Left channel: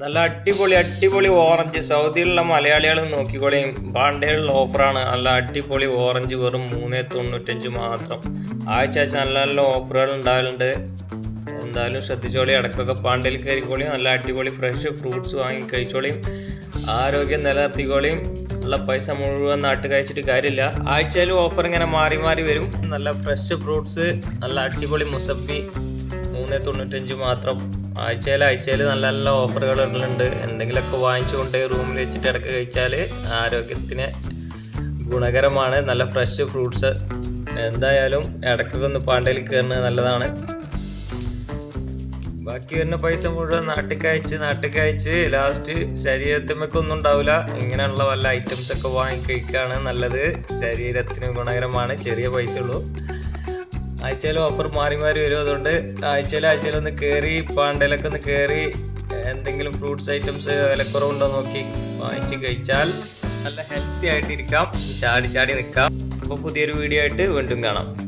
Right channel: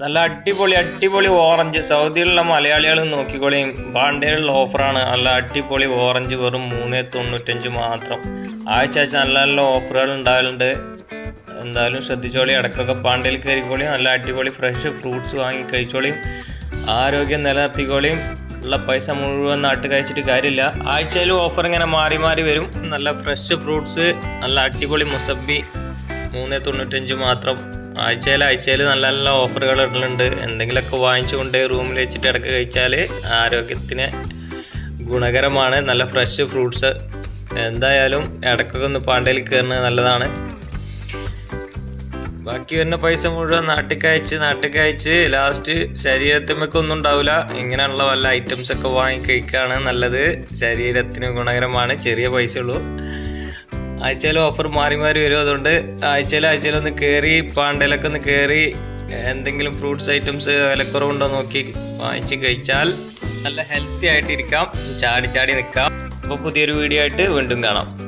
നല്ല അടിപൊളി അടിപൊളി ഓറഞ്ച് സൗദിയിലുള്ള മലയാളികൾ നോക്കിക്കോളിയും പാണ്ടയിലുള്ള ഓഫറാണ് നല്ല അടിപൊളി ഓറഞ്ച് വെറും മൂന്ന് തൊണ്ണൂറ്റഞ്ച് മാത്രം. ആഴ്ച ആഴ്ച നല്ല നല്ല ഓഫറുകൾ ഉണ്ടാവലുണ്ട്. എന്തായാലും ശ്രദ്ധിച്ചോളി ഇടയ്ക്കൊക്കെ പാണ്ടയിൽ കയറിക്കോളിയും നല്ല അടിപൊളി ഫ്രഷ് ഫ്രൂട്ട്സ് വാങ്ങി കഴിച്ചോളിയും ആരോഗ്യം നിലനിർത്തിക്കോളിയും ഉള്ള പൈസ മുഴുവൻ നാട്ടിൽ കഴിച്ചിട്ട് കാര്യമില്ല. ആഴ്ചയിലും ഓഫർ ഇങ്ങനെ മാറി മാറി വരും. നല്ല ഫ്രഷ് ഫ്രൂട്ട്സ് നല്ല അടിപൊളി മുസബി മൂന്ന് തൊണ്ണൂറ്റഞ്ച് മാത്രം. ആഴ്ചയിൽ ആഴ്ചയിൽ നല്ല നല്ല ഓഫറുകൾ ഇടലുണ്ട് എന്തെങ്കിലുമൊക്കെ വാങ്ങിച്ചുകൊണ്ട് റൂമിൽ വെച്ചിട്ട് ഇടയ്ക്ക് കഴിച്ചാൽ ആരോഗ്യത്തിന് ഗുണകരമാണ്. നല്ല ഫ്രഷ് ഫ്രൂട്ട്സ് എന്തായാലും ഇടയ്ക്കൊക്കെ ഒന്ന് പാണ്ടയിൽ കയറുന്നത് നല്ലതാണ്. ബാക്കി വരുന്ന പൈസ മുഴുവൻ നാട്ടിക്കയച്ച് നാട്ടിൽ അയച്ച് ലാസ്റ്റ് ശരീരത്തിമൊക്കെ ഒന്നും ഉണ്ടാവില്ല. ഇങ്ങനെയുള്ള വല്ല ഐറ്റംസ് ഒക്കെ വാങ്ങി കഴിക്കുകയാണ് നല്ലത്. ശരീരത്തിന് ഗുണകരമാണ്. ചെറിയ പൈസ ഉള്ളൂ. ആഴ്ചയിൽ ഓഫർ മാറി മാറി വരും. അതുകൊണ്ട് ആഴ്ചയിൽ ആഴ്ചയിൽ ഒന്ന് കയറി പാണ്ടയിലൊക്കെ ഒന്ന് കയറി എന്തെങ്കിലും ഫ്രൂട്ട്സ് ഐറ്റംസ് വിലക്കുറവുണ്ടോ നോക്കി വാങ്ങിച്ച് കഴിച്ചാൽ നല്ല ഹെൽത്തി ആയിട്ടിരിക്കാം. ചാടി ചാടി നിൽക്കാം. അപ്പോൾ പുതിയൊരു വീഡിയോ ആയിട്ട് വീണ്ടും കാണാം.